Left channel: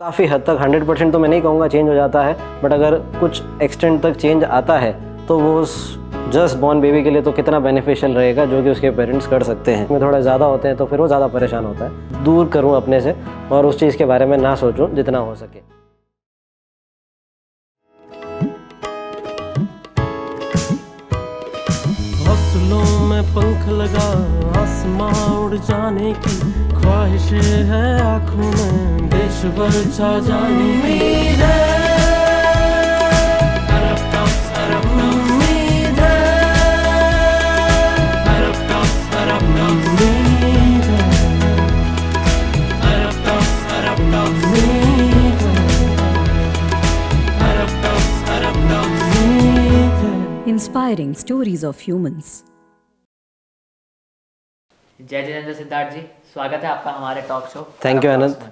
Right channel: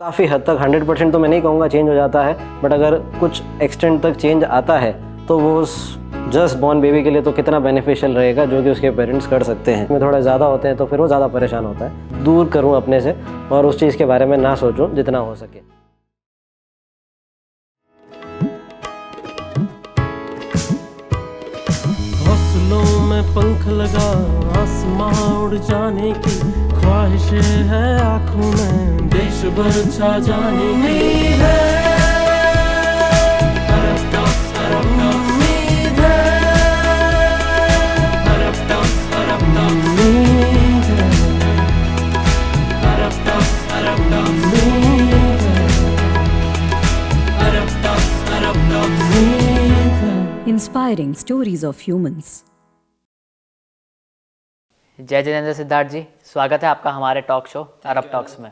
काफ़ी हद तक 100% तो मैं नहीं कहूँगा चेंज हो जाता है, बट अगर कुछ एक्सटेंट तक चेंज आता है तो वो उस जस्ट बॉर्न बेबी के लिए तो कितना बेनिफिशियल रहेगा जो कि उसके पेरेंट्स कर सकते हैं। में थोड़ा ज़्यादा होते हैं तो फिर वो ज़्यादा परेशान होता है। दूर करूँ अपने से और उस चीज़ के बारे में ना सोचूं जितना हो सके। हौसलों में पंख लगा आसमां उड़ जाने की ख्वाहिशें है आँखों में देश भर छा जाने की उम्मीद है। Inspiring stories of humans. जय जिनेंद्र सिद्धार्थ जी, स्वागत है आपका हमारे टॉक शो। थैंक यू आनंद।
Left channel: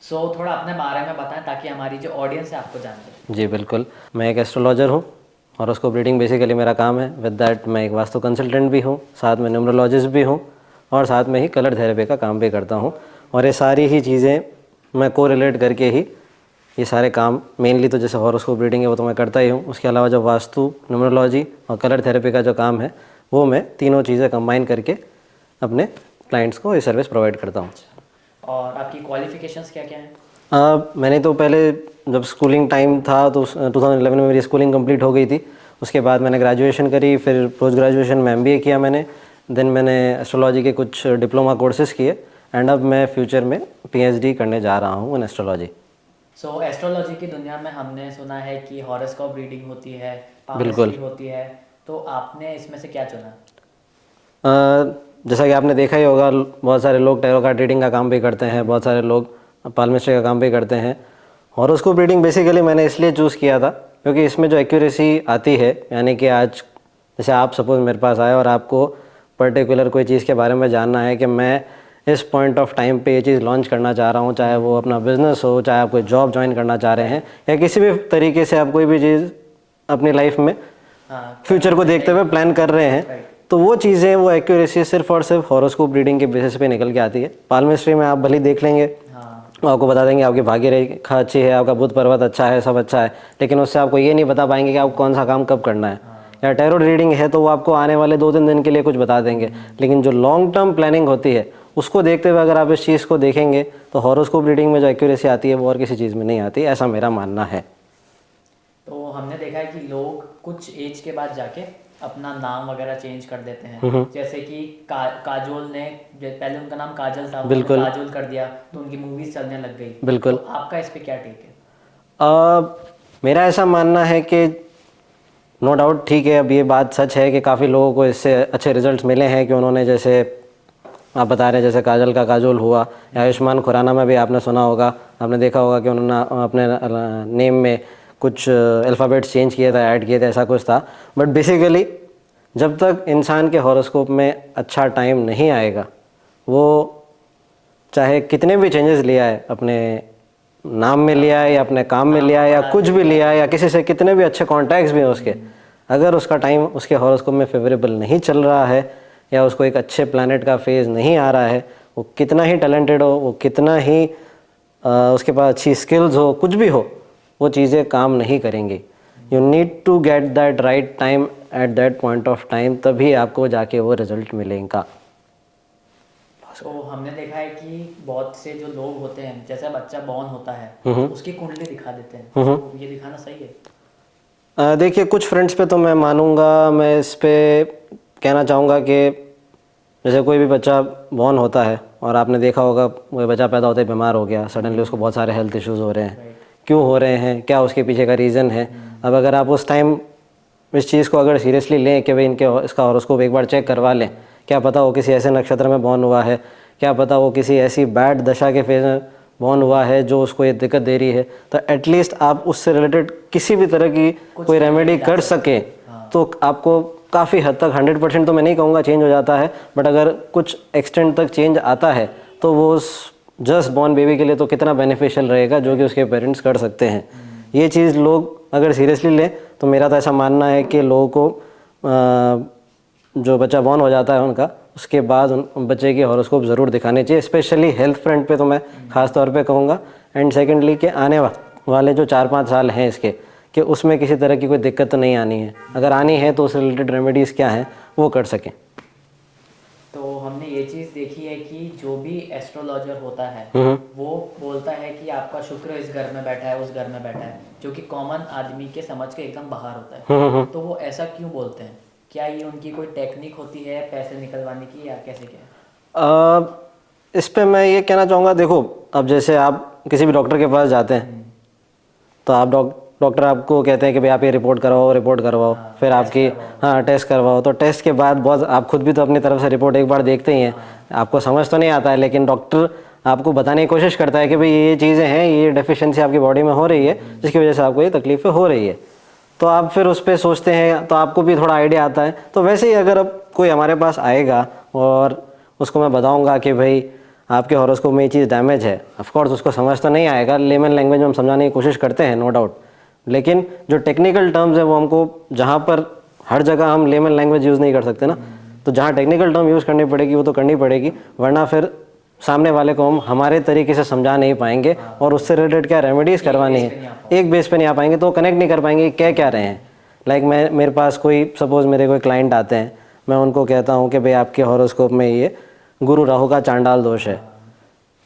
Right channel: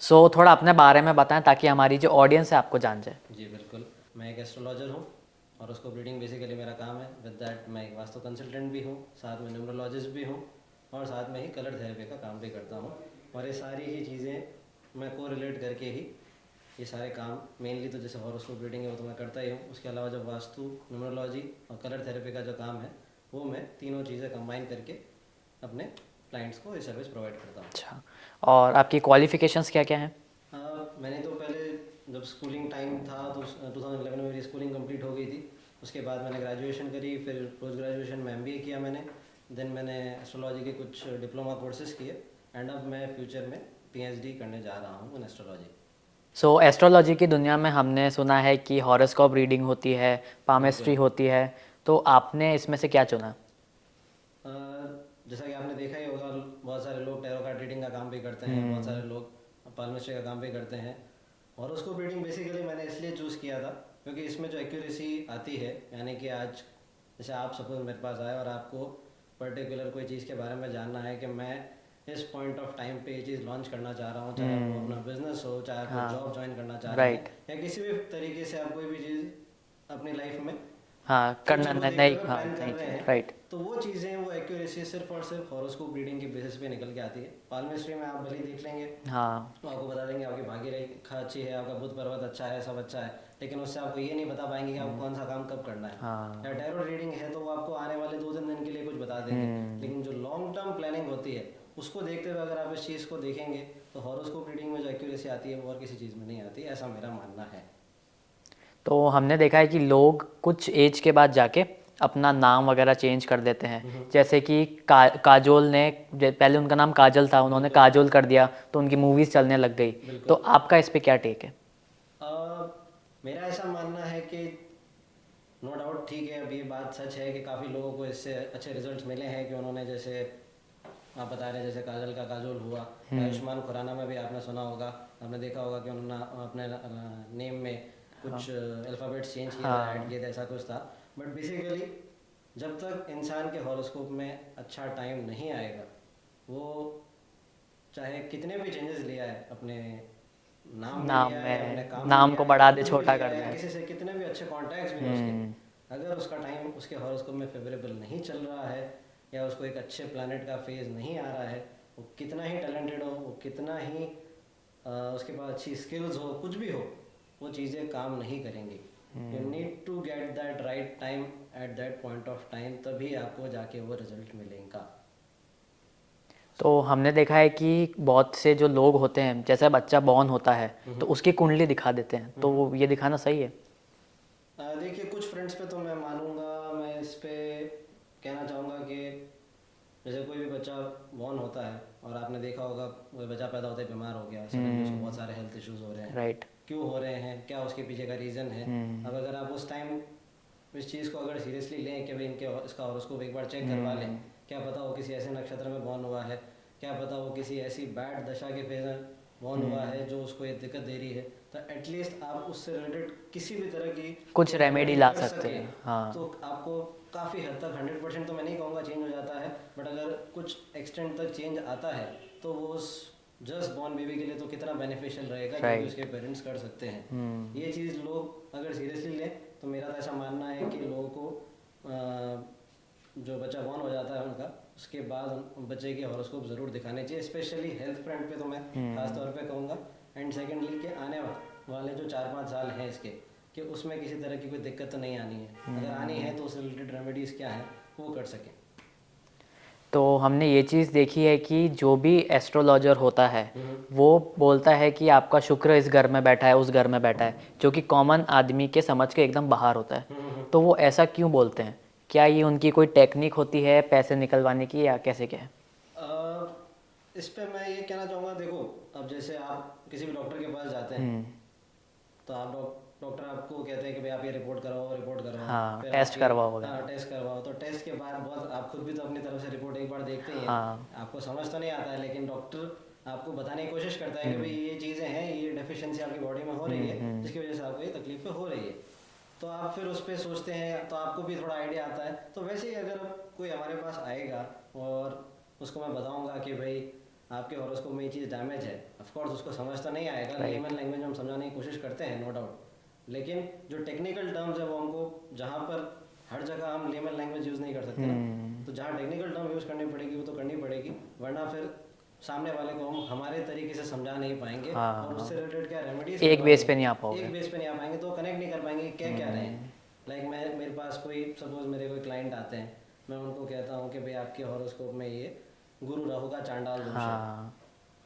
सो थोड़ा अपने बारे में बताएं ताकि हमारी जो ऑडियंस है आपको जान जाए। जी बिल्कुल, मैं एक एस्ट्रोलॉजर हूँ और उसको रीडिंग बेसिकली मेरा काम है। विद दैट मैं एक वास्तु कंसल्टेंट भी हूँ, साथ में न्यूमरोलॉजिस्ट भी हूँ और साथ में ही कलर थेरेपी का काम भी करता हूँ। और ये सारी ही चीज़ें मैं को रिलेट करके ही ये सारे काम, मेनली तो जैसे हॉरोस्कोप रीडिंग है वो तो मैं करता ही हूँ, उसके अलावा जो वास्तु, न्यूमरोलॉजी और कलर थेरेपी का जो काम है वो मैं तीनों चीज़ें कंबाइन करके अपने क्लाइंट्स को ये सर्विस प्रोवाइड करता हूँ। और आपकी क्वालिफिकेशंस क्या क्या हैं? मैंने तो पहले जब स्कूलिंग टाइम था तो 2011 में मेरी स्कूलिंग कंप्लीट हो गई थी। उसके बाद मैंने ग्रेजुएशन करी, फिर पोस्ट ग्रेजुएशन में MBA किया मैंने। देन मैंने एस्ट्रोलॉजी के कुछ डिप्लोमा कोर्सेज़ किए एंड अब मैं फ्यूचर में PhD करने जा रहा हूँ इन एस्ट्रोलॉजी। सो एस्ट्रोलॉजी की दुनिया में हमने सुना है कि हॉरोस्कोप रीडिंग होती है, पामेस्ट्री होती है, तो आपने इसमें से क्या चुना? जैसा कि आपने देखा ही होगा, बहुत सारे लोग टैरो कार्ड रीडिंग का काम भी करते हैं, बहुत सारे लोग पाल्मिस्ट्री का काम भी करते हैं। हॉरोस्कोप रीडिंग बेसिकली मैंने इसलिए चूज़ किया था क्योंकि इसमें जो एक्यूरेसी आती है, यानी कि आज जैसे आप सपोज मेरे पास आए और आपको पर्टिकुलर कोई चीज़ के बारे में जानना है कि मैं इस पॉइंट ऑफ टाइम पे ये चीज़ लॉन्च करना चाह रहा हूँ, चाहे वो अपना बिजनेस हो, चाहे आप कोई जॉब ज्वाइन करना चाह रहे हैं या किसी भी तरीके से आप कोई भी चीज़ अपनी लाइफ में फ्यूचर को देखते हुए प्लान कर रहे हैं, तो वो चीज़ें, वो एक्यूरेसी सिर्फ और सिर्फ हॉरोस्कोप रीडिंग के बेसिस पे निकल के आती है। पाल्मिस्ट्री में आप भले देख लेंगे, आपको बता देंगे आपकी भाग्य रेखा अच्छी है, आपका बुध पर्वत अच्छा है, सब अच्छा है, लेकिन उससे आपको ये नहीं बता पाएंगे कि आपको कौन सा काम कब करना है। या टैरो रीडिंग है तो वो आपको आने वाले 2-3 दिन के लिए कुछ बता देंगे, लेकिन जो लॉन्ग टर्म प्लानिंग होती है उसको देखते हुए अगर आप इस चीज़ को देखेंगे तो हॉरोस्कोप रीडिंग में जो एक्यूरेसी आती है वो और किसी चीज़ में नहीं आती, ऐसा मेरा मानना है। तो हमने देखा है कि लोग कुछ एज के बाद जाके अपना नाम वगैरह चेंज कर देते हैं, जैसे कि काजोल ने, पहले उनका नाम काजल था, उन्होंने काजोल कर दिया तो उनकी मूवीज चलने लग गई। बिल्कुल। तो आपका इस पे क्या टेक है? मेरा ऐसा मानना है कि नो डाउट ठीक है, अब ये बात सच है कि काफ़ी लोगों को इससे अच्छे रिजल्ट्स मिले हैं कि उन्होंने, जैसे आप बता रहे हैं जैसे काजल का काजोल हुआ, या आयुष्मान खुराना में भी आपने सुना होगा, आपने देखा होगा कि उन्होंने अपने नेम में कुछ अल्फ़ाबेट्स चेंज किए थे, ऐड किए थे, ऐसा कुछ था। बट बेसिकली जब तक इंसान के हॉरोस्कोप में अच्छा टाइम नहीं आएगा, वो चाहे कितने भी चेंजेस लिया है, अपने नाम में लिया है या अपने काम में लिया है या कुछ भी लिया है, या किसी से कितने भी अच्छे कॉन्टैक्ट्स भी हैं उसके, अगर उसका टाइम उसके हॉरोस्कोप में फेवरेबल नहीं चल रहा है या उसको एक अच्छे प्लैनेट का फेज नहीं आ रहा है, वो कितना ही टैलेंटेड हो, वो कितना ही उसके पास अच्छी स्किल्स हो, कुछ भी हो, वो चीज़ें काम नहीं करेंगी। You need to get that right time at that point of time, तभी आपको जाके वो रिजल्ट मिलेगा। तो हमने देखा है कि बहुत से जो लोग होते हैं, जैसे बच्चा बॉर्न होता है तो उसकी कुंडली दिखा देते हैं, तो ये दिखाना सही है? देखिए, कुछ फ्रेंड्स पे तो मैं मानूंगा, मैं इस पे कहना चाहूँगा कि जैसे कोई भी बच्चा बॉर्न होता है और आपने देखा होगा कोई बच्चा पैदा होते ही बीमार हो गया, सडनली उसको बहुत सारे हेल्थ इश्यूज़ हो रहे हैं। क्यों हो रहे हैं, क्या उसके पीछे का रीज़न है? अब अगर आप उस टाइम इस चीज़ को अगर सीरियसली लें कि भाई इसका हॉरोस्कोप एक बार चेक करवा लें, क्या पता वो किसी ऐसे नक्षत्र में बॉर्न हुआ है, क्या पता वो किसी ऐसी बैड दशा के फेज में बॉर्न हुआ है जो उसको ये दिक्कत दे रही है, तो एटलीस्ट आप उससे रिलेटेड किसी भी तरह की कोई रेमेडी कर सकें तो आपको काफ़ी हद तक, 100% तो मैं नहीं कहूँगा चेंज हो जाता है, बट अगर कुछ एक्सटेंट तक चेंज आता है तो वो उस जस्ट बॉर्न बेबी के लिए तो कितना बेनिफिशियल रहेगा जो कि उसके पेरेंट्स कर सकते हैं। ये चीज़ लोग अगर सीरियसली लें तो मेरा तो ऐसा मानना है कि लोगों को जो बच्चा बॉर्न हो जाता है उनका, उसके बाद उन बच्चे की हॉरोस्कोप ज़रूर दिखानी चाहिए। स्पेशली हेल्थ फ्रंट पे तो मैं ख़ास तौर पे कहूँगा एंड सेकेंडली कि आने वाले जो 4-5 साल हैं इसके, कि उसमें किसी तरह की कोई दिक्कत तो नहीं आनी है, अगर आनी है तो उस रिलेटेड रेमेडीज़ क्या हैं वो कर सकें। तो हमने ये चीज़ देखी है कि जो भी एस्ट्रोलॉजर होता है वो बोलता है कि आपका शुक्र इस घर में बैठा है, उस घर में बैठा है, जो कि कॉमन आदमी के समझ के एकदम बाहर होता है। तो वो ऐसा क्यों बोलते हैं? क्या ये उनकी कोई टेक्निक होती है पैसे निकलवाने की, या कैसे क्या है? इस पे मैं ये कहना चाहूँगा, देखो अब जैसे आप किसी भी डॉक्टर के पास जाते हैं तो आप डॉक्टर आपको कहते हैं कि भाई आप ये रिपोर्ट करवाओ, फिर आपकी टेस्ट करवाओ, तो टेस्ट के बाद बहुत आप खुद भी तो अपनी तरफ से रिपोर्ट एक बार देखते ही हैं, आपको समझ तो नहीं आता है, लेकिन डॉक्टर आपको बताने की कोशिश करता है कि भाई ये चीज़ें हैं, ये डेफिशिएंसी आपकी बॉडी में हो रही है, जिसकी वजह से आपको ये तकलीफें हो रही है। तो आप फिर उस पर सोचते हैं तो आपको भी थोड़ा आइडिया आता है। तो वैसे ही अगर अब कोई हमारे पास आएगा और उसको मैं बताऊँगा कि भाई आपके हॉरोस्कोप में ये चीज़ डैमेज है, ऑफकोर्स उसको समझ तो नहीं आएगा, लेमन लैंग्वेज में हम समझाने की कोशिश करते हैं नो डाउट, लेकिन जो टेक्निकल टर्म्स है वो हमको, जहाँ पर हर जगह हम लेमन लैंग्वेज यूज़ नहीं कर सकते ना, तो जहाँ टेक्निकल टर्म यूज़ करनी पड़ेगी वो तो करनी पड़ेगी, वरना फिर सामने वाले को हम हमारे तरीके से समझा नहीं पाएंगे और उससे रिलेटेड क्या रेमेडीज़ करवानी है, एक बेस पे नहीं आ पाएंगे, तो कनेक्ट नहीं कर पाएंगे क्या रहे हैं। लाइक मेरे पास कोई सपोज मेरे कोई क्लाइंट आते हैं, मैं उनको कहता हूँ कि भाई आपके हॉरोस्कोप में ये गुरु राहु का चांडाल दोष है,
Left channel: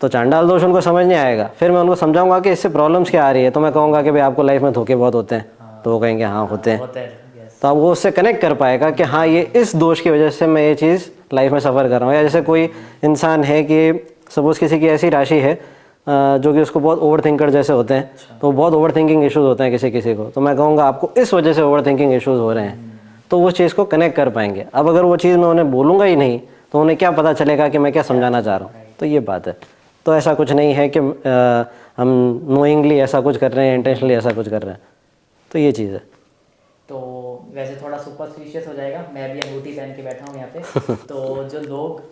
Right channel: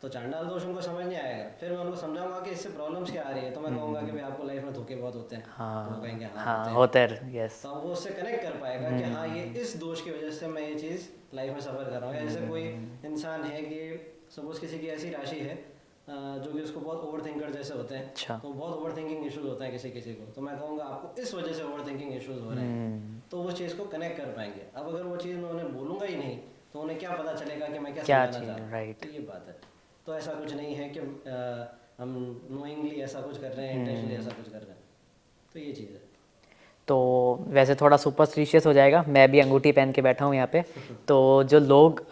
तो चांडाल दोष उनको समझ नहीं आएगा, फिर मैं उनको समझाऊंगा कि इससे प्रॉब्लम्स क्या आ रही है, तो मैं कहूँगा कि भाई आपको लाइफ में धोखे बहुत होते हैं, तो वो कहेंगे हाँ होते हैं, तो अब वो उससे कनेक्ट कर पाएगा कि हाँ ये इस दोष की वजह से मैं ये चीज़ लाइफ में सफ़र कर रहा हूँ। या जैसे कोई इंसान है कि सपोज़ किसी की ऐसी राशि है जो कि उसको बहुत ओवर थिंकर जैसे होते हैं, तो बहुत ओवर थिंकिंग इशूज़ होते हैं किसी को, तो मैं कहूँगा आपको इस वजह से ओवर थिंकिंग इशूज़ हो रहे हैं, तो उस चीज़ को कनेक्ट कर पाएंगे। अब अगर वो चीज़ मैं उन्हें बोलूँगा ही नहीं तो उन्हें क्या पता चलेगा कि मैं क्या समझाना चाह रहा हूँ, तो ये बात है। तो ऐसा कुछ नहीं है कि हम नोइंगली ऐसा कुछ कर रहे हैं, इंटेंशनली ऐसा कुछ कर रहे हैं, तो ये चीज़ है। तो वैसे थोड़ा सुपरस्टिशियस हो जाएगा, मैं भी अंगूठी पहन के बैठा हूँ यहाँ पे तो जो लोग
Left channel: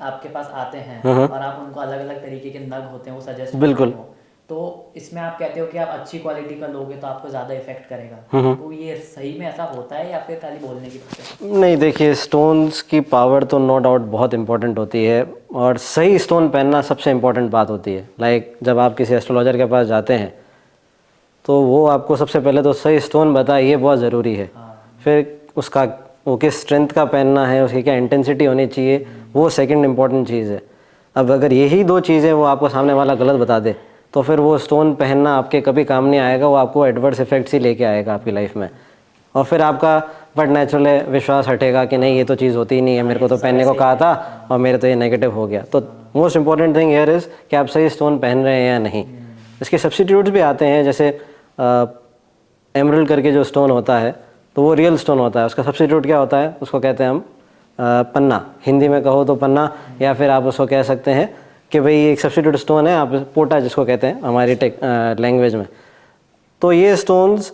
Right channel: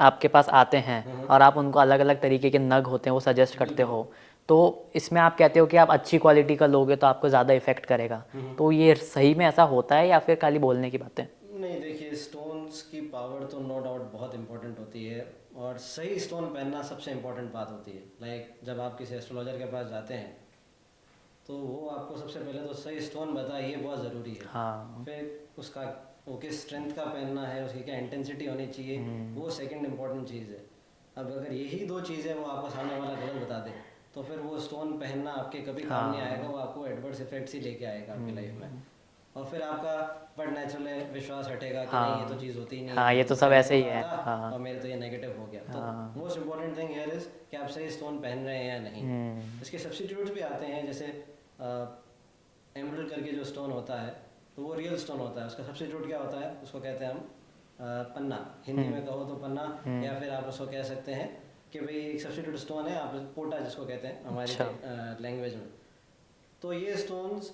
आपके पास आते हैं और आप उनको अलग अलग तरीके के नग होते हैं वो सजेस्ट करते हो, तो इसमें आप कहते हो कि आप अच्छी क्वालिटी का लोगे तो आपको ज़्यादा इफेक्ट करेगा, तो ये सही में ऐसा होता है या फिर खाली बोलने की बात है? नहीं, देखिए स्टोन्स की पावर तो नो डाउट बहुत इंपॉर्टेंट होती है, और सही स्टोन पहनना सबसे इम्पोर्टेंट बात होती है। लाइक जब आप किसी एस्ट्रोलॉजर के पास जाते हैं तो वो आपको सबसे पहले तो सही स्टोन बताए, ये बहुत ज़रूरी है। फिर उसका वो किस स्ट्रेंथ का पहनना है, उसकी क्या इंटेंसिटी होनी चाहिए, वो सेकंड इम्पॉर्टेंट चीज़ है। अब अगर यही दो चीज़ें वो आपको सामने वाला गलत बता दे तो फिर वो स्टोन पहनना आपके कभी काम नहीं आएगा, वो आपको एडवर्स इफेक्ट्स ही लेके आएगा आपकी लाइफ में, और फिर आपका बट नेचुरल विश्वास हटेगा कि नहीं ये तो चीज़ होती ही नहीं है, मेरे को तो पहनने को कहा था और मेरे तो ये नेगेटिव हो गया। तो most important thing here is कि आप सही स्टोन पहन रहे हैं या नहीं। इसके सब्स्टिट्यूट्स भी आते हैं, जैसे एमरल्ड करके जो स्टोन होता है तो वो रियल स्टोन होता है, उसका सब्स्टिट्यूट क्या होता है, उसको कहते हैं हम पन्ना, हिंदी में कहो तो पन्ना, या फिर आप उसको कह सकते हैं कि भाई एक सब्स्टिट्यूट स्टोन है, आप पोटा जिसको कहते हैं हमारी लैंग्वेज में। तो ये स्टोन्स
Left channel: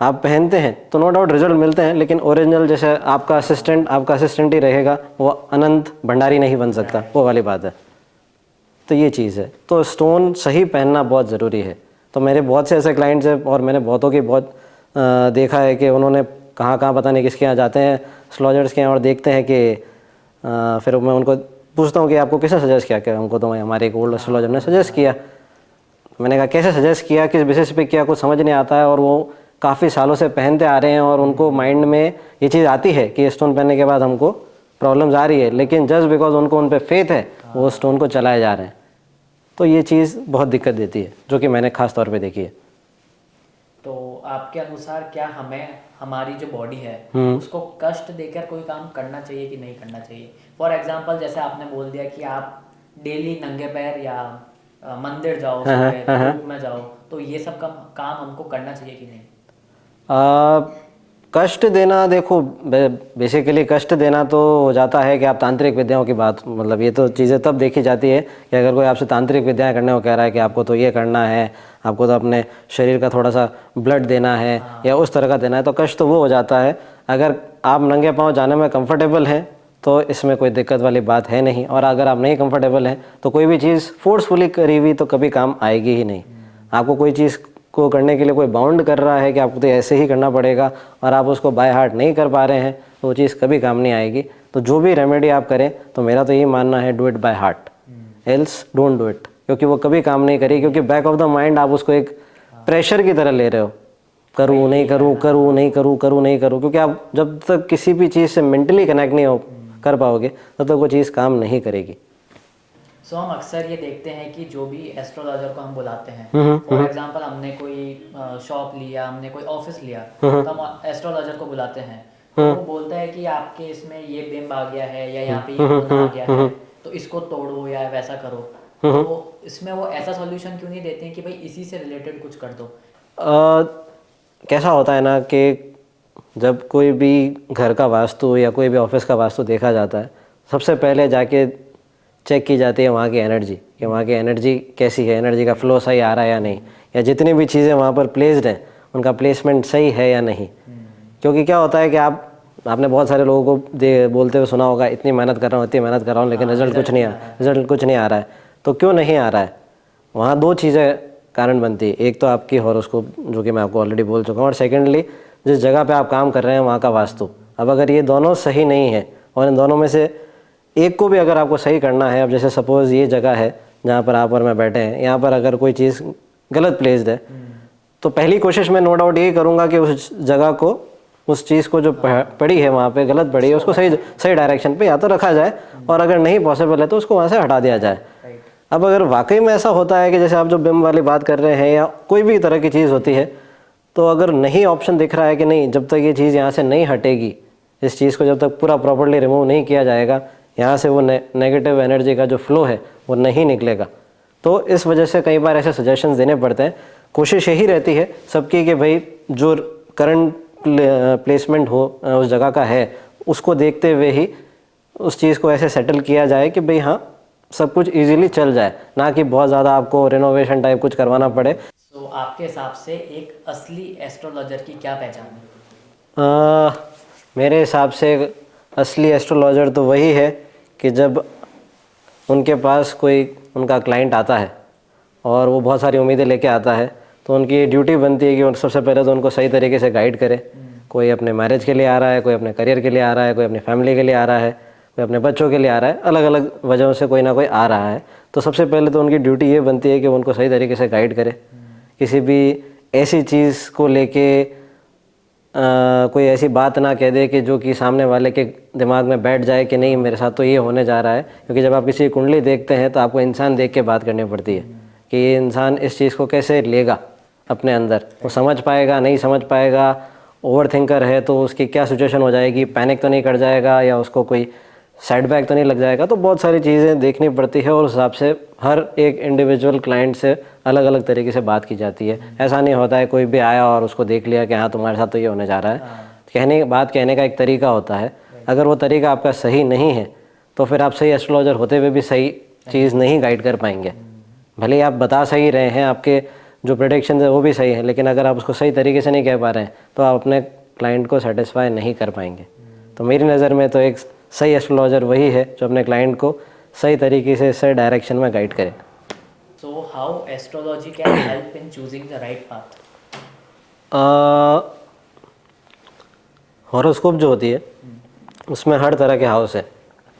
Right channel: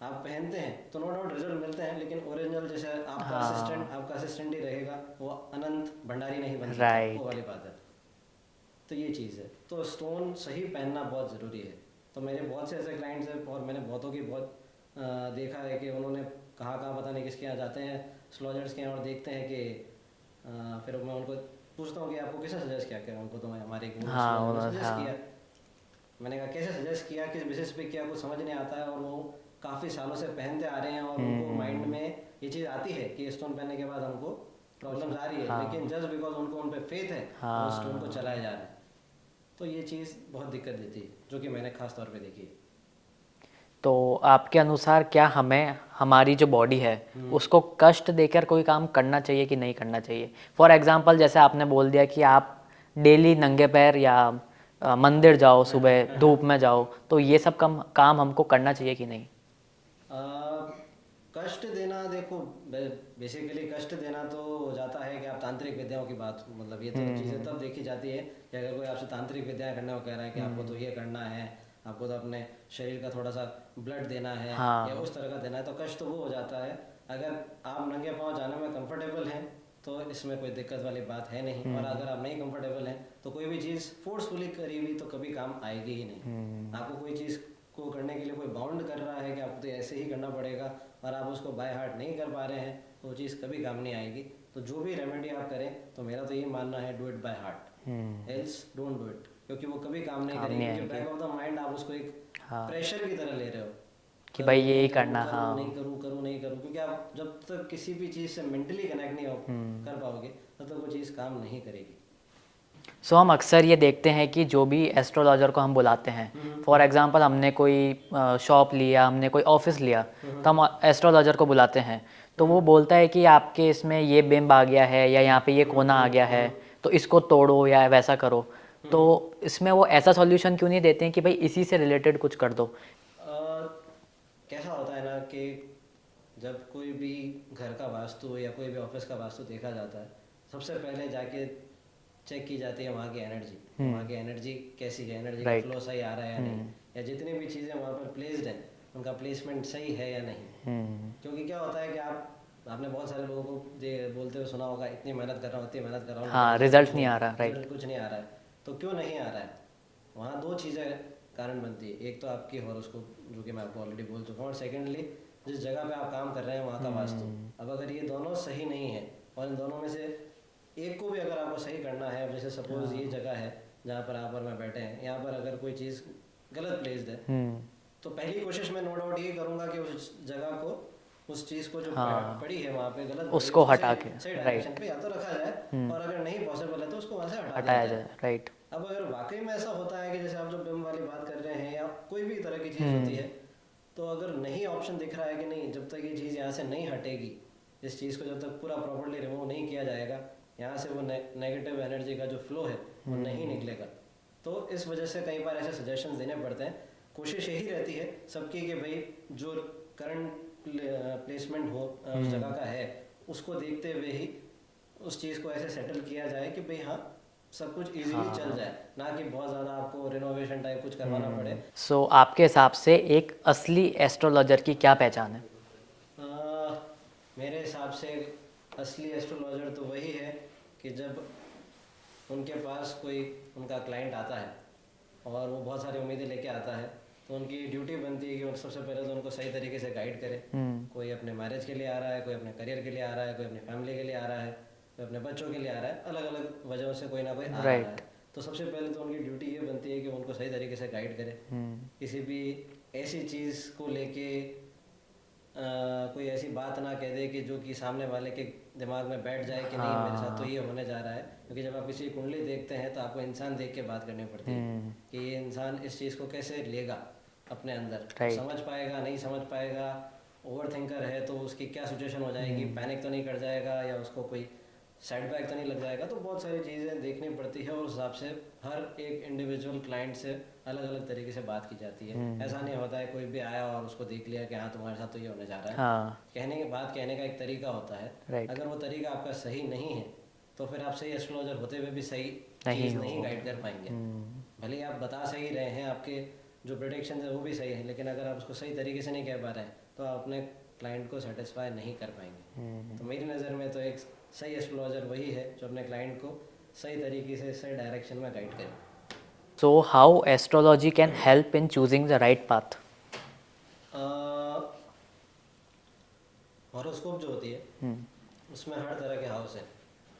आप पहनते हैं तो नो डाउट रिजल्ट मिलते हैं, लेकिन ओरिजिनल जैसे आपका असिस्टेंट ही रहेगा, वो अनंत भंडारी नहीं बन सकता, वो वाली बात है। तो ये चीज़ है, तो स्टोन सही पहनना बहुत ज़रूरी है। तो मेरे बहुत से ऐसे क्लाइंट्स हैं और मैंने बहुतों की बहुत देखा है कि उन्होंने कहाँ पता नहीं किसके यहाँ जाते हैं, एस्ट्रोलॉजर्स के यहाँ, और देखते हैं कि फिर मैं उनको पूछता हूँ कि आपको किसने सजेस्ट किया, क्या हमको तो हमारे एक ओल्ड एस्ट्रोलॉजर ने सजेस्ट किया। मैंने कहा कैसे सजेस्ट किया, किस बेसिस पे किया, कुछ समझ नहीं आता है, और वो काफ़ी सालों से पहनते आ रहे हैं और उनको माइंड में ये चीज़ आती है कि स्टोन पहनने के बाद हमको प्रॉब्लम्स आ रही है, लेकिन जस्ट बिकॉज उनको उन पर फेथ है वो स्टोन को चलाए जा रहे हैं। तो ये चीज़ बहुत दिक्कत देती है, जो कि मैंने ख़ास तौर पे देखी है। तो आपके अनुसार क्या हमें हमारी जो बॉडी है उसको कष्ट देकर कोई काम करना चाहिए कि नहीं करना चाहिए? फॉर एग्जांपल जैसे आपने बोल दिया कि आप डेली नंगे पैर या मंदिर जाओ, सुबह धूप में जाओ, तो ये सब काम हमको करना चाहिए कि नहीं? कष्ट देना, देखो बेसिकली कष्ट देना तो हो जाता है कि आप तांत्रिक विद्याओं की बात, मतलब ये तो चीज़ें तब देखी जाती है कि अगर कोई आपसे तांत्रिक विद्याएं करने को कह रहा है कि आपको तो ये करना है, आपको तो अपने शरीर का थोड़ा सा ब्लड देना है या उस तरह का देना है, तो कष्ट तो वो हो जाता है। अगर आप नंगे पाँव जाने में कंफर्टेबल हैं तो इसमें कोई दिक्कत वाली बात है नहीं, और अगर आप नहीं कंफर्टेबल हैं तो कोई भी चीज़ फोर्सफुली करी हुई तो कभी काम आएगी ही नहीं। आपको कोई चीज़ को करने के लिए कोई बाउंड कर रहा है कि आपको तो ऐसे ही करना पड़ेगा और आप उसको बाय हार्ट नहीं कर पा रहे हैं, तो वो चीज़ कभी काम नहीं आएगी। तो जो भी रेमेडी आप करें तो मेरा तो यही मानना है, do it by heart, else don't do it. क्योंकि वो कभी काम नहीं करेगी, क्योंकि बैक ऑफ द माइंड आप उसको एक प्रेशर की तरह ले रहे हो, करूँ नहीं करूँ, करूँ नहीं करूँ, करूँ नहीं करूँ, क्योंकि आप जब तक किसी भी चीज़ से मेंटली कनेक्ट नहीं हो कर पाओगे तब तक वो चीज़ काम नहीं करेगी। सो हम अक्सर ये देखते हैं कि जो भी एस्ट्रोलॉजर को हम बुलाते हैं, फॉर एग्जांपल हमने कोई शॉप लिया, हमने कोई ऑफिस लिया, तो हम एस्ट्रोलॉजर को बुलाते हैं, तो वो बोलता है कि आपके इसमें ये बिंब आ गया है या यहाँ पे ये कोना आ गया है, तो इसको तोड़ो या वैसा करो। तो इसमें वो ऐसा सॉल्यूशन क्यों नहीं देते हैं कि भाई इसी से रिलेटेड कुछ कर दो? कैसा होता है ना कि जब कोई भी घर का वास्तु या कोई भी ऑफिस का वास्तु देखा जाता है, सबसे पहले जाके चेक की जाती है वहाँ की एनर्जी, कि वहाँ की एनर्जी कैसी है, एनर्जी का फ्लो सही आ रहा है या नहीं, या जितनी भी चीज़ें वहाँ पर प्लेस्ड हैं उनका प्लेसमेंट सही है या नहीं। क्योंकि क्या होता है कि आपने बहुत सारे लोगों को बोलते हुए सुना होगा, इतनी मेहनत कर रहा हूँ, इतनी मेहनत कर रहा हूँ, लेकिन रिजल्ट कुछ नहीं आ रहा है, रिजल्ट कुछ नहीं आ रहा है। तो क्यों नहीं आ रहा है? वहाँ दो चीज़ें कारण बनती है, एक तो आपकी हॉरोस्कोप जो कि मैं आपको ऑलरेडी बोल चुका हूँ, और सेकेंडली जिस जगह पे आप काम कर रहे हैं वहाँ का वास्तु। अब अगर ये दोनों सही नहीं है और इन दोनों में से एक को भी अगर आपको सही करना है, अब जैसे सपोज़ ये जगह है जहाँ पर आप और मैं बैठे हैं, यहाँ पर अगर कोई चीज़ गलत प्लेस्ड है, तो पहली कोशिश मैं नो डाउट यही करूँगा कि उस जगह को, उस चीज़ को जो पड़ी है वहाँ पे गलत पड़ी है, उसको सही डायरेक्शन पे या तो रखा जाए, और अगर नहीं पॉसिबल है तो उसको वहाँ से हटा दिया जाए। अब अगर वाकई में ऐसा होता है कि जैसे आप जो बिंब वाली बात कर रहे हैं या कोई भी तरह की चीज़ होती है, तो अगर नहीं ऑप्शन दिख रहा है कि नहीं, जब तक ये चीज़ यहाँ से नहीं हटेगी, इस चीज़ को जब तक पूरा प्रॉपर्ली रिमूव नहीं किया जाएगा, यहाँ से वो नेगेटिव एनर्जी का जो फ्लो है वो नहीं निकलेगा। तो इस वजह से कई बार ऐसे सजेशंस देने पड़ते हैं। कोशिश यही रहती है सबकी कि भाई जो करंट प्लेसमेंट हो उस जगह का है, उसको देखते हुए ही उस चीज़ को ऐसे सेटल किया जाए कि भाई हाँ सब कुछ इजीली चल जाए, ना कि बहुत ज़्यादा आपको रिनोवेशन टाइप कुछ करवाना पड़े। सो आपके हिसाब से एक असली एस्ट्रोलॉजर की क्या पहचान है? मेरे हिसाब से असली एस्ट्रोलॉजर तो वही है कि जब उनके पास कोई उनका क्लाइंट आता है और वो बहुत सारी उम्मीदें लेके आता है, तो उनकी ड्यूटी बनती है कि उन सबसे पहले तो उनको सही तरीके से गाइड करे। कोई अपने मैरिज के लिए आ रहा है, कोई अपने करियर के लिए आ रहा है, कोई अपनी फैमिली के लिए आ रहा है, कोई अपने बच्चों के लिए आ रहा है, अलग अलग वजहों से कोई ना कोई आ रहा है। तो सबसे पहले तो उनकी ड्यूटी ये बनती है कि उनको सही तरीके से गाइड करे। किसी भी ऐसी चीज़ को लेके कोई ऐसी बात ना कह दे कि जो कि सामने वाले के दिमाग में बैठ जाए कि नहीं मेरे साथ तो ये होने जा रहा है। क्योंकि जब आप किसी कुंडली देखते हैं तो आपको इंसान देख के बात करनी पड़ती है कि ये इंसान इस चीज़ को कैसे लेगा अपने अंदर, वो समझ पाएगा नहीं समझ पाएगा, ओवर थिंकर है तो उसकी क्या सिचुएशन हो जाएगी, पैनिक तो नहीं कर जाएगा या उसको कोई सेटबैक तो नहीं लग जाएगा। तो बहुत सारी चीज़ें देखनी पड़ती है और उस हिसाब से हर एक इंडिविजुअल क्लाइंट से अलग अलग तरीके से बात की जाती है। ऐसा नहीं होता है कोई भी आया और उसको देख लिया कि हाँ तुम्हारे साथ तो ये होने जा रहा है। बात कहने का एक तरीका होता है, अगर वो तरीका आपका सही नहीं है तो फिर आप सही एस्ट्रोलॉजर होते हुए भी सही चीज़ नहीं गाइड कर पाएंगे। भले ही आप बता सही रहे हैं, आपके जो प्रेडिक्शन है वो भी सही है, लेकिन अगर आप उसको सही तरीके से नहीं कह पा रहे हैं तो आप अपने क्लाइंट को सेटिस्फाई नहीं कर पाएंगे। तो मेरी नज़र में तो एक सही एस्ट्रोलॉजर वही है जो अपने क्लाइंट को सही तरीके से सही डायरेक्शन में गाइड करे। So how astrology can help in choosing the right path? Horoscope जो होती है उसमें हर तरह के हाउस है,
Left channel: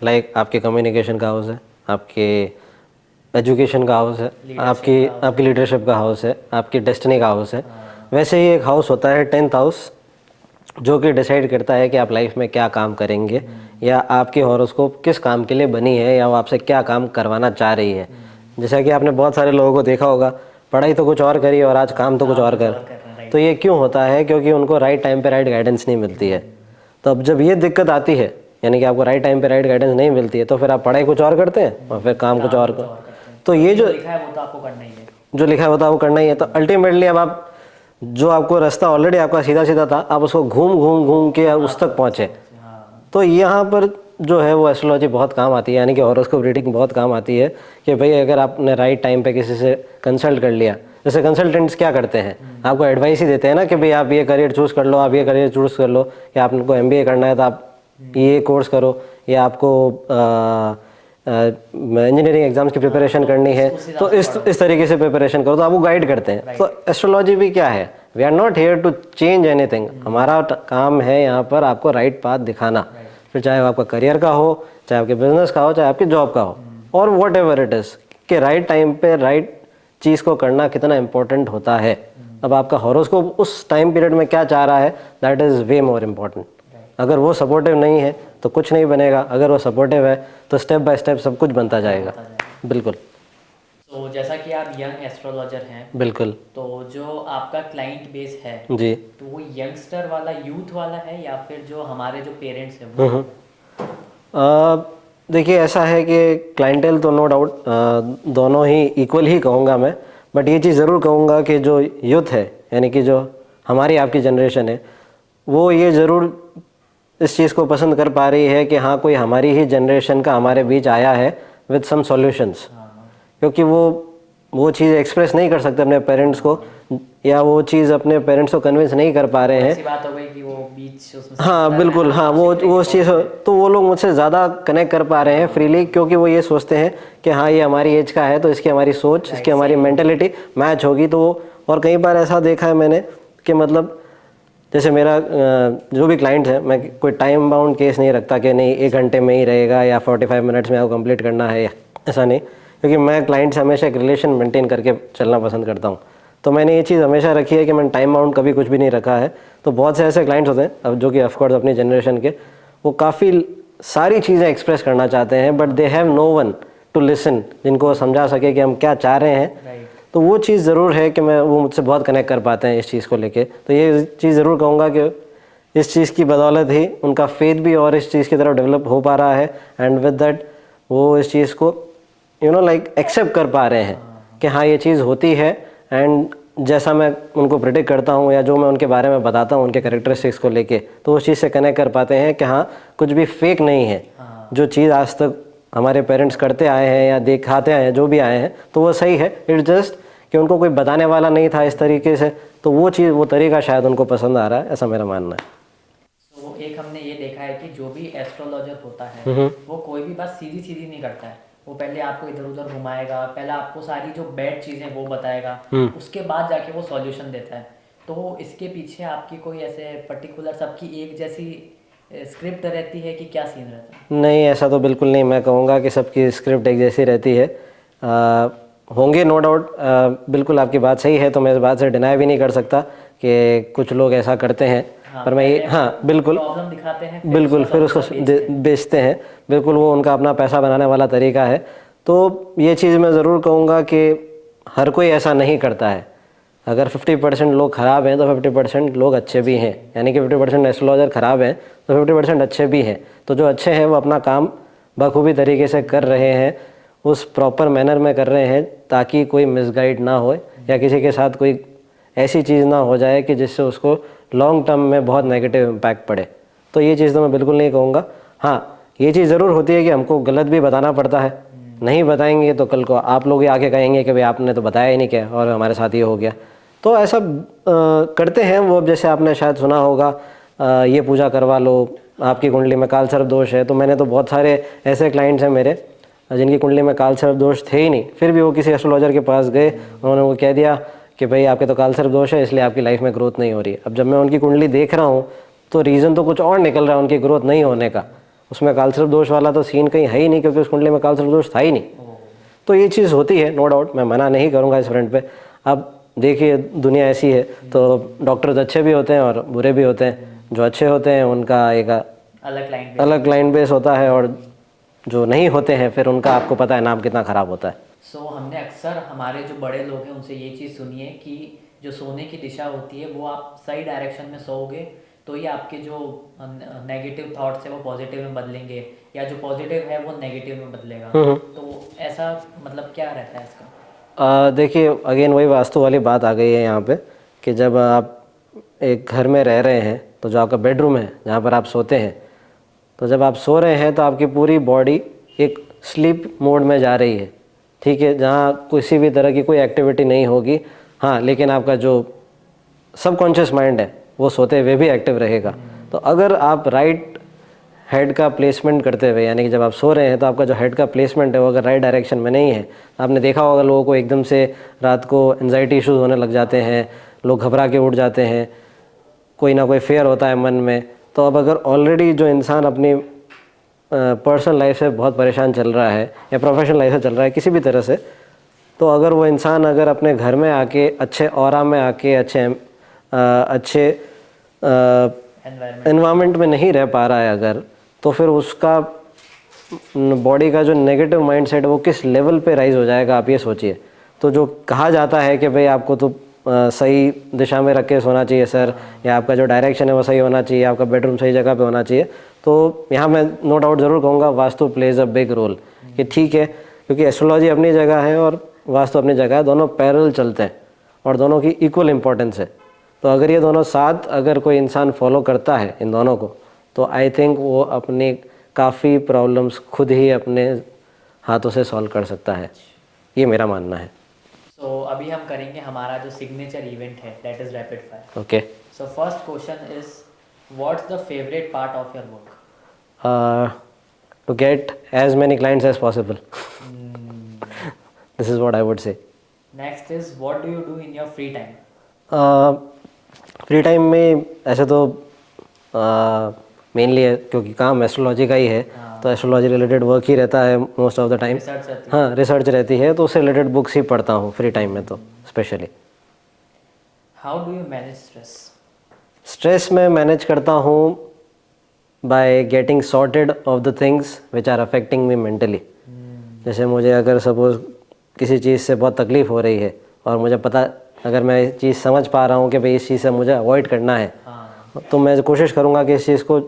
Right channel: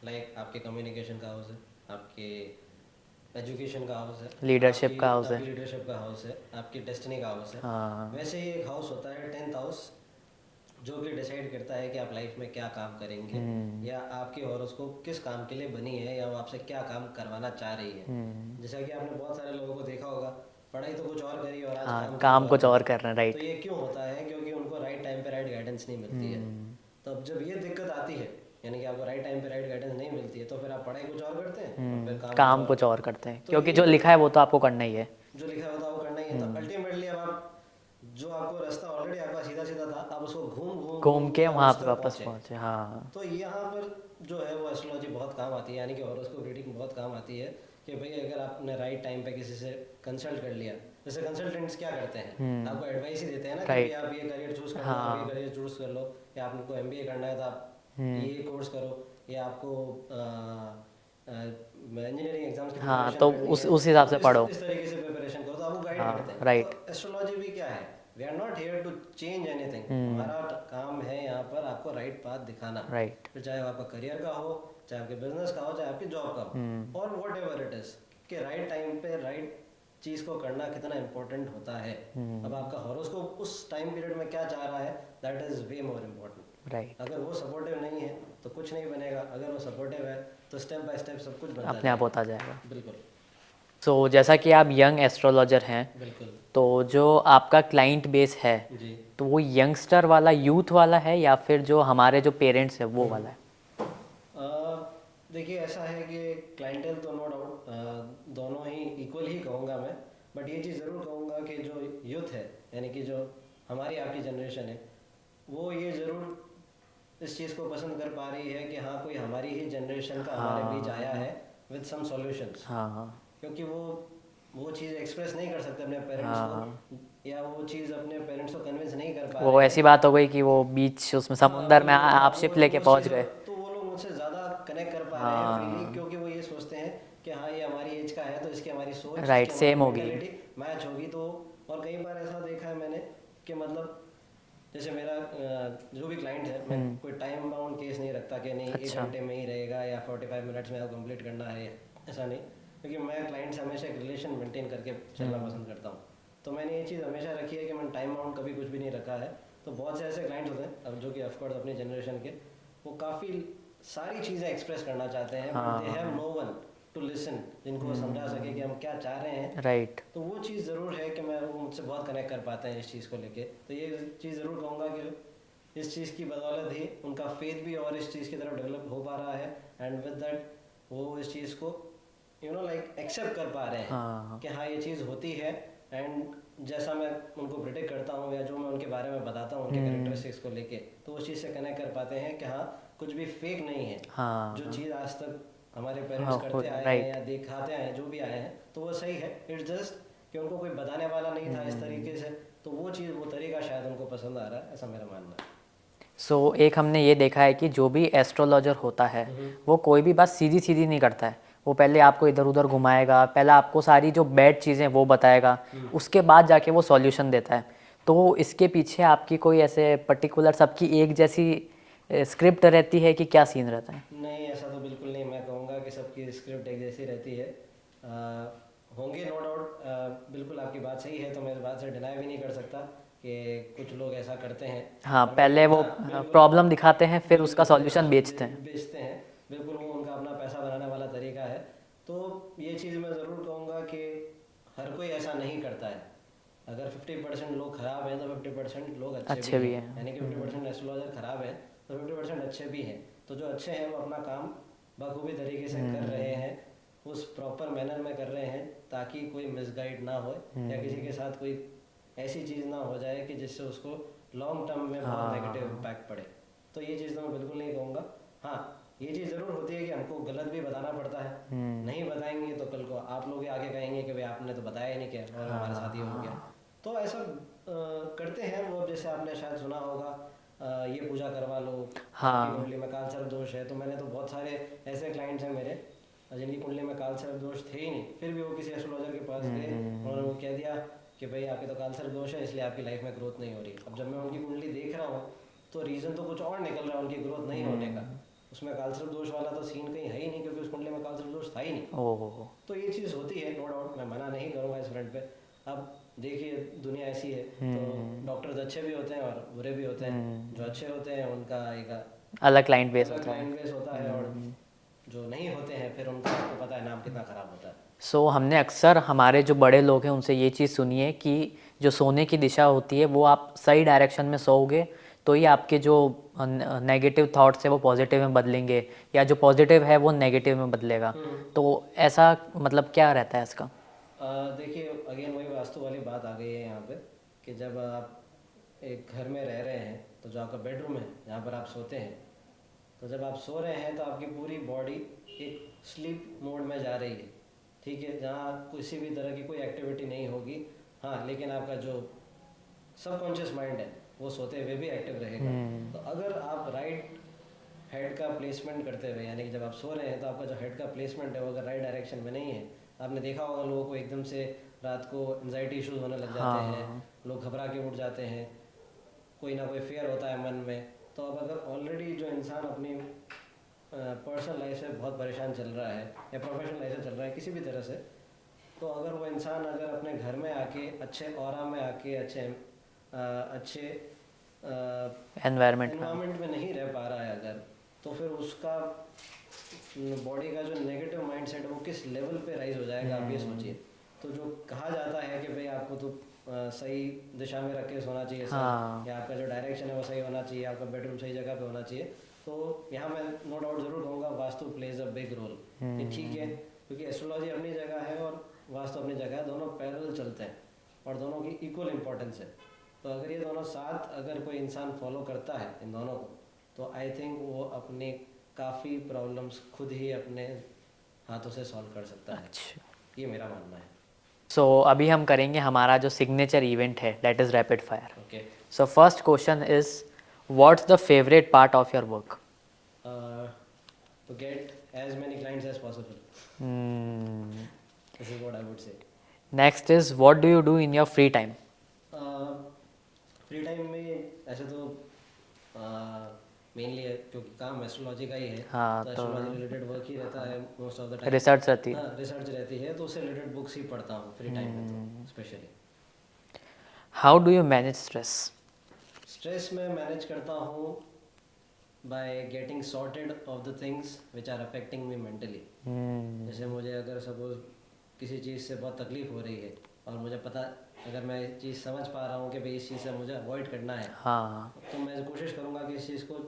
लाइक आपके कम्युनिकेशन का हाउस है, आपके एजुकेशन का हाउस है, आपकी लीडरशिप का हाउस है, आपकी डेस्टिनी का हाउस है। वैसे ही एक हाउस होता है 10th हाउस, जो कि डिसाइड करता है कि आप लाइफ में क्या काम करेंगे या आपकी हॉरोस्कोप किस काम के लिए बनी है या वो आपसे क्या काम करवाना चाह रही है। जैसा कि आपने बहुत सारे लोगों को देखा होगा, पढ़ाई तो कुछ और करी और आज काम तो कुछ और कर रहे हैं। तो ये क्यों होता है? क्योंकि उनको राइट टाइम पे राइट गाइडेंस नहीं मिलती है। तो अब जब ये दिक्कत आती है, यानी कि आपको राइट टाइम पे राइट गाइडेंस नहीं मिलती है, तो फिर आप पढ़ाई कुछ और करते हैं और फिर काम कुछ और करते हैं। तो ये जो लिखा है वो तो आपको करना ही है, जो लिखा है वो तो आपको करना ही है। तो अल्टीमेटली अब आप जो आपको रास्ता ऑलरेडी आपका सीधा सीधा था, आप उसको घूम के उस तक पहुंचे। तो यहाँ पर जो है वो एस्ट्रोलॉजी बहुत काम आती है, यानी कि हॉरोस्कोप रीडिंग बहुत काम आती है कि भाई अगर आपने राइट टाइम पे किसी से कंसल्ट कर लिया, जैसे कंसल्टेंट्स क्या करते हैं, आपको एडवाइस ही देते हैं ना कि भाई आप ये करियर चूज़ कर लो, आप ये करियर चूज़ कर लो, या आपको MBA करना है तो आप ये कोर्स करो, या आपको इंजीनियरिंग एग्जाम्स की प्रिपरेशन करनी है तो इस तरीके से प्रिपरेशन करो, तो आपको गाइड करते हैं। तो एस्ट्रोलॉजी भी क्या है, we are not here to change anything, हमारा काम है यहाँ पर आपको राइट पाथ दिखाना। फिर चाहे वो आपका करियर का हो, चाहे आपके बिजनेस का हो, चाहे आपकी जॉब का हो, और वॉट एवर इट इज़, कि राइट टाइम पे राइट चीज़ को करना कितना इम्पोर्टेंट होता है। अब आपका हॉरोस्कोप उस टाइम पीरियड में क्या चाह रहा है, that is way more important. Right. अगर वो सपोर्टिव नहीं है तो कुछ नहीं बनेगा, अगर वो सपोर्टिव है तो स्टेप बाय स्टेप सब कुछ बनता जाएगा। होता जाएगा। बिल्कुल सो जैसा कि आप यंग एस्ट्रोलॉजर हैं, बिल्कुल तो जो आपका क्लाइंट बेस है जी। तो वो यंगस्टर वाला, यूथ वाला है, या फिर जो हमारे जो पेरेंट्स हैं वो है? देखिए ऐसा है कि क्लाइंटेल तो नो डाउट दोनों ही इक्वल ही कहूँगा मैं, बट ये चीज़ ज़रूर कहूँगा कि जो यूथ है यानी कि जो हमारी आपकी जनरेशन है, वो ये ज़रूर इस चीज़ को पसंद कर पा रही है कि हाँ कोई हमारी ही जनरेशन का हमारे बीच आया है विद सम सॉल्यूशंस। हाँ। क्योंकि वो चीज़ एक्सप्रेस नहीं कर सकते अपने पेरेंट्स को, या वो चीज़ अपने पेरेंट्स को कन्विंस नहीं कर पा रहे हैं। ऐसी बात हो गई कि वो बीच उसमें हाँ समुद्र में बिल्कुल, हाँ आप वो ship लेके चीज़, पहुंच गए। तो वो लोग मुझसे ज़्यादा कनेक्ट कर पा रहे हैं फ्रीली, क्योंकि वो ये सोचते हैं कि हाँ ये हमारी एज का है तो इसकी हमारी सोच, Right, इसकी हमारी same होगी। मेंटेलिटी मैच होगी। तो और कई बार ऐसा देखा है मैंने कि मतलब जैसे मेरा जो भी क्लाइंट है, मैं कोई टाइम बाउंड केस नहीं रखता कि नहीं 1 घंटे में ही रहेगा या 45 मिनट्स में आपको कंप्लीट करना है, या ऐसा नहीं, क्योंकि मैं क्लाइंट से हमेशा एक रिलेशन मेंटेन करके चलना पसंद करता हूँ। तो मैंने ये चीज़ हमेशा रखी है कि मैंने टाइम बाउंड कभी कुछ भी नहीं रखा है। तो बहुत से ऐसे क्लाइंट्स होते हैं अब जो कि ऑफकोर्स अपनी जनरेशन के, वो काफ़ी सारी चीज़ें एक्सप्रेस करना चाहते हैं, but they have no one to listen, जिनको वो समझा सके कि हम क्या चाह रहे हैं। राइट। तो वो चीज़ ज़रूर है कि वो मुझसे बहुत कनेक्ट कर पाते हैं इस चीज़ को लेके। तो ये चीज़ ज़रूर कहूँगा कि इस चीज़ की बदौलत ही उनका फेथ भी और इस चीज़ की तरफ डेवलप हो पा रहा है, एंड विद दैट वो इस चीज़ को लाइक एक्सेप्ट कर पा रहे हैं कि हाँ ये चीज़ होती है, एंड जैसा मैं उनको प्रिडिक्ट करता हूँ या जो मैं उनके बारे में बताता हूँ उनके कैरेक्टरिस्टिक्स को लेके, तो उस चीज़ से कनेक्ट कर पाते हैं कि हाँ कुछ भी फेक नहीं है। जो चीज़ आज तक हमारे पेरेंट्स करते आए हैं या दिखाते आए हैं, जो भी आए हैं, तो वो सही है। इट्स जस्ट कि उनको कोई बताने वाला नहीं था इस तरीके से, तो वो चीज़, वो तरीका शायद उनको पसंद आ रहा है, ऐसा मेरा मानना है। सो एक हमने ये देखा है कि जो भी एस्ट्रोलॉजर होता है वो कोई भी बात सीधी सीधी नहीं करता है। वो पहले आपको इधर उधर घुमाएगा, पहले आपको सारी जो बैड चीज़ें वो बताएगा, उसके बाद जाके वो सॉल्यूशन देता है। तो इसके पीछे आपकी कोई ऐसे पर्टिकुलर सबकी एक जैसी स्क्रिप्ट रहती है कि क्या सीन रहता है? नहीं, ऐसा तो बिल्कुल नहीं। मैं कहूँगा कि सबकी स्क्रिप्ट एक जैसी रहती है। होंगे नो डाउट, बिल्कुल आपकी बात सही है, तो मैं इस बात से डिनाई भी नहीं कर सकता कि कुछ लोग ऐसा करते हैं। हाँ, पर मैं हाँ बिल्कुल प्रॉब्लम दिखाते हैं, बिल्कुल फिर उसको बेचते हैं। बिल्कुल वो उनका अपना पैसा बनाने वाला तरीका है। तो ये चीज़ मैं ज़रूर कहूँगा कि हर कोई ऐसा नहीं करता है। अगर 50% लोग ख़राब हैं तो 50% लोग अच्छे भी हैं, यानी कि 50% एस्ट्रोलॉजर ख़राब हैं तो 50% अच्छे भी हैं। तो जो अच्छे हैं वो अपना काम बखूबी तरीके से कर रहे हैं, उस प्रॉपर मैनर में कर रहे हैं, ताकि कोई मिसगाइड ना हो या किसी के साथ कोई ऐसी चीज़ ना हो जाए कि जिससे उसको लॉन्ग टर्म में बहुत नेगेटिव इम्पैक्ट पड़े। तो ये चीज़ तो मैं बिल्कुल नहीं कहूँगा। हाँ, ये चीज़ ज़रूर होती है कि हमको गलत भी बताना पड़ता है। नहीं बताएंगे तो कल को आप लोग ही आके कहेंगे कि भाई आपने तो बताया ही नहीं क्या और हमारे साथ ये हो गया। तो ऐसा करते हैं वो। जैसे आपने शायद सुना होगा, ये पूजा करवा लो, आपकी कुंडली में काल सर्प दोष है। तो मैंने तो बहुत सारे ऐसे क्लाइंट्स हैं मेरे जिनकी कुंडली में काल सर्प दोष थे ही नहीं, फिर भी वो किसी एस्ट्रोलॉजर के पास गए, उन्होंने वो कह दिया कि भाई आपके तो काल सर्प दोष है, इसलिए आपकी लाइफ में ग्रोथ नहीं हो रही है। अब जब मैं उनकी कुंडली देख रहा हूँ तो रीज़न तो कुछ और निकल रहा है उनकी ग्रोथ नहीं होने का। उसमें काल सर्प दोष वाला तो सीन कहीं है ही नहीं, क्योंकि उस कुंडली में काल सर्प दोष था ही नहीं। तो ये चीज़ होती है, नो डाउट, मैं मना नहीं करूँगा इस फ्रंट पे। अब देखिए दुनिया ऐसी है, तो डॉक्टर्स अच्छे भी होते हैं और बुरे भी होते हैं। जो अच्छे होते हैं उनका एक अलग क्लाइंट बेस होता है, और जो नहीं होते हैं फिर उनका आपको पता है नाम कितना ख़राब होता है। सो हमने अक्सर हमारे जो बड़े लोग हैं उनसे ये चीज़ सुनी है कि जो सोने की दिशा होती है वो आप सही डायरेक्शन में सोओगे तो ही आपके जो नेगेटिव थॉट्स है वो पॉजिटिव में बदलेंगे, या जो पॉजिटिव है वो नेगेटिव में बदलेगा। तो ऐसा मतलब क्या रहता है इसका? देखिए अगेन वही वास्तु वाली बात आ गई है यहाँ पे, कि जब आप एक घर में रह रहे हैं तो जो आपका बेडरूम है जहाँ पर आप सोते हैं, तो जब आप सो रहे हैं तो आपकी पूरी बॉडी एक स्लीप मोड में जा रही है, ठीक है, जहाँ किसी भी तरह की कोई एक्टिविटी नहीं होगी। हाँ, लेकिन आपका जो सबकॉन्शियस माइंड है वो सोते हुए भी एक्टिव रहेगा। तो अगर आप राइट हेड का प्लेसमेंट करते हुए, यानी कि जब आप सो रहे हैं तो आपका जो हेड का प्लेसमेंट है वो अगर राइट डायरेक्शन में नहीं है, आपने देखा होगा लोगों को एकदम से रात को एंजाइटी इश्यूज होने लग जाते हैं, लोग घबरा के उठ जाते हैं, कोई ना कोई फेयर होता है मन में। तो अब अगर ऑलरेडी जो इंसान अपनी पर्सनल लाइफ से बहुत परेशान चल रहा है या प्रोफेशनल लाइफ से चल रहा है किसी भी तरह से, तो अगर वो इंसान अगर अपने घर में आके अच्छे ऑरा में आके अच्छे एनवायरनमेंट में नहीं रह पा रहा है अगर, तो फिर उसका बॉडी का जो नेगेटिव माइंडसेट है वो किस लेवल पे राइज हो जाएगा, आप ये सोचिए। तो जो कहा जाता है कि भाई आपको तो सही दिशा में रख के सोना चाहिए सर, या आपका जो डायरेक्शन है वो सही होना चाहिए, आपका बेडरूम सही जगह पे होना चाहिए, तो यहाँ मैं नो डाउट ज़रूर कहूँगा vastu plays a big role, कि ठीक है, क्योंकि एस्ट्रोलॉजी अपनी जगह है और वास्तु अपनी जगह है, दोनों पैरेलल चलते हैं और दोनों की इक्वल इम्पोर्टेंस है। तो अगर ये दोनों साथ अगर कोई इंसान फॉलो करता है इन दोनों को, तो आई थिंक वो अपनी काफ़ी प्रॉब्लम्स खुद ही अपने हाथों से सॉल्व कर सकता है, ये मेरा मानना है। सो अभी हम करेंगे हमारा जो सिग्नेचर इवेंट है, that is rapid fire. Okay, so first question is what's the favourite part of your work? To get as many clients as possible, this is what I would say. Next is what do you do in your free time? Free time में ऐसे तो mainly क्योंकि काम astrology का ही है, तो astrology related work ही रहता है most of the time. Research रहती है। हाँ, रिसर्च रहती है, तो उससे रिलेटेड बुक्स ही पढ़ता हूँ फ्री टाइम में तो specially. How do you manage stress? Stress में मैनेज करता हूँ by getting sorted of the things which are affecting me mentally. जैसे मुझे अगर सपोज किसी चीज़ से बहुत तकलीफ़ हो रही है और मुझे पता, अगर मैं इस चीज़ समझ पा रहा हूँ कि भाई इस चीज़ से मुझे अवॉइड करना है, तो मैं कोशिश करूँगा कि इस चीज़ को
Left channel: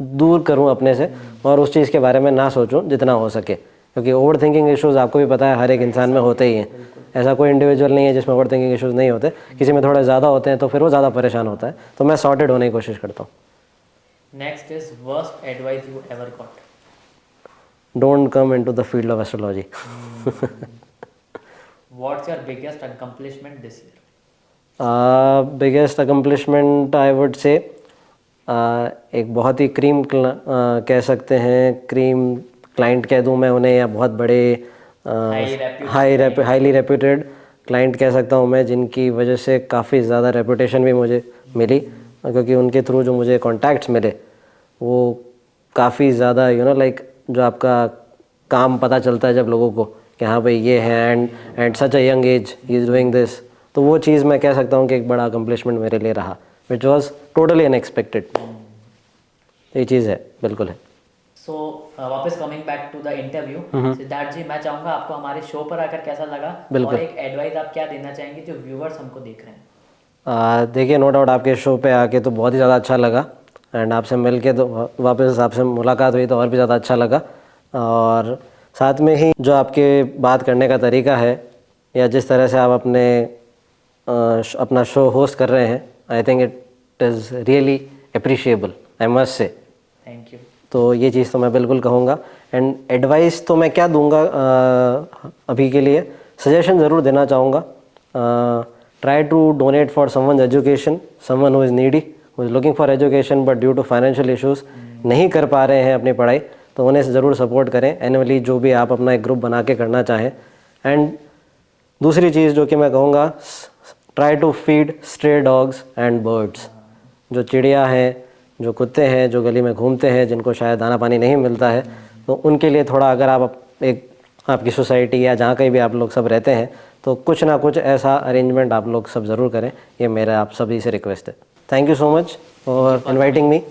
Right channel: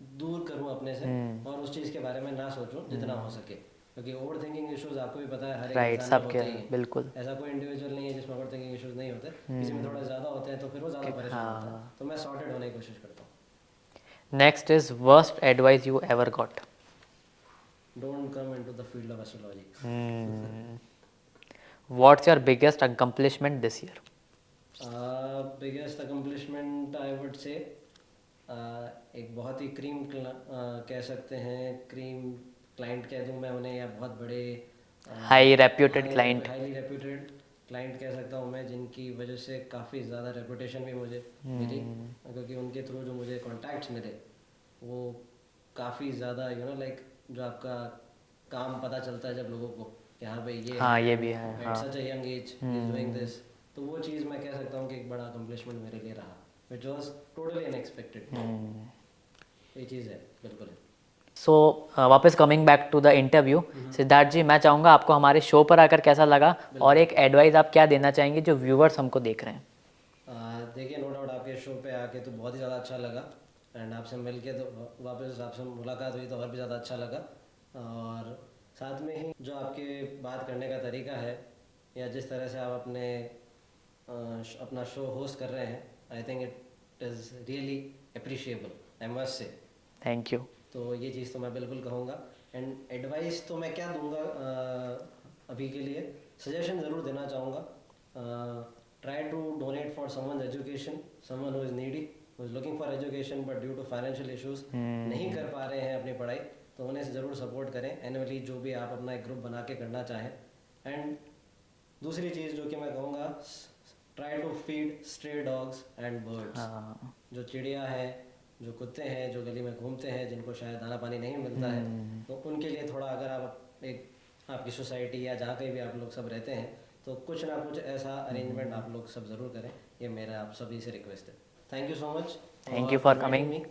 दूर करूँ अपने से और उस चीज़ के बारे में ना सोचूं जितना हो सके, क्योंकि ओवर थिंकिंग इश्यूज़ आपको भी पता है हर एक इंसान में होते ही हैं। ऐसा कोई इंडिविजुअल नहीं है जिसमें ओवर थिंकिंग इश्यूज़ नहीं होते, किसी में थोड़े ज़्यादा होते हैं तो फिर वो ज़्यादा परेशान होता है, तो मैं सॉर्टेड होने की कोशिश करता हूँ। Next is worst advice you ever got? Don't come into the field of astrology. What's your biggest accomplishment this year? Biggest accomplishment I would से एक बहुत ही कह सकते हैं क्रीम क्लाइंट कह दूं मैं उन्हें, या बहुत बड़े हाईली रेप्यूटेड क्लाइंट कह सकता हूं मैं, जिनकी वजह से काफ़ी ज़्यादा रेपुटेशन भी मुझे मिली, क्योंकि उनके थ्रू जो मुझे कॉन्टैक्ट्स मिले वो काफ़ी ज़्यादा लाइक जो आपका काम पता चलता है जब लोगों को कि हाँ भाई ये है and such a young age he is doing this, तो वो चीज़ मैं कह सकता हूँ कि एक बड़ा अकम्पलिशमेंट मेरे लिए रहा, विच वॉज टोटली अनएक्सपेक्टेड। ये चीज़ है, बिल्कुल है। सो वापस coming back to the interview, Siddharth ji, मैं चाहूँगा आपको हमारे शो पर आकर कैसा लगा और एक एडवाइस आप क्या देना चाहेंगे जो व्यूवर्स हमको देख रहे हैं? देखिए, नो डाउट आपके शो पे आके तो बहुत ही ज़्यादा अच्छा लगा, एंड आपसे मिल के तो वापस आपसे मुलाकात हुई तो और भी ज़्यादा अच्छा लगा, और साथ में ही जो आपके बात करने का तरीका है या जिस तरह से आप अपना शो होस्ट कर रहे हैं, I think it is really appreciable, I must say. Thank you. तो ये चीज़ तो मैं बिल्कुल कहूँगा, एंड एडवाइस तो मैं क्या दूंगा अभी के लिए, सजेशन ज़रूर देना चाहूँगा। Try to donate for someone education, someone who is needy, who is looking for education but due to financial issues नहीं कर पा रहे हैं अपनी पढ़ाई, तो उन्हें ज़रूर सपोर्ट करें एनुअली, जो भी आप अपना एक ग्रुप बना के करना चाहें। एंड दूसरी चीज़ जो कि मैं कहूँगा, try to feed stray dogs and birds, जो चिड़िया हैं, जो कुत्ते हैं, जो गली में घूमते हैं, जिनको शायद दाना पानी नहीं मिलता है, तो उनके लिए थोड़ा, अगर आप एक आपकी सोसाइटी या जहाँ कहीं भी आप लोग सब रहते हैं, तो कुछ ना कुछ ऐसा अरेंजमेंट आप लोग सब ज़रूर करें, ये मेरा आप सभी से रिक्वेस्ट है। Thank you so much for inviting me.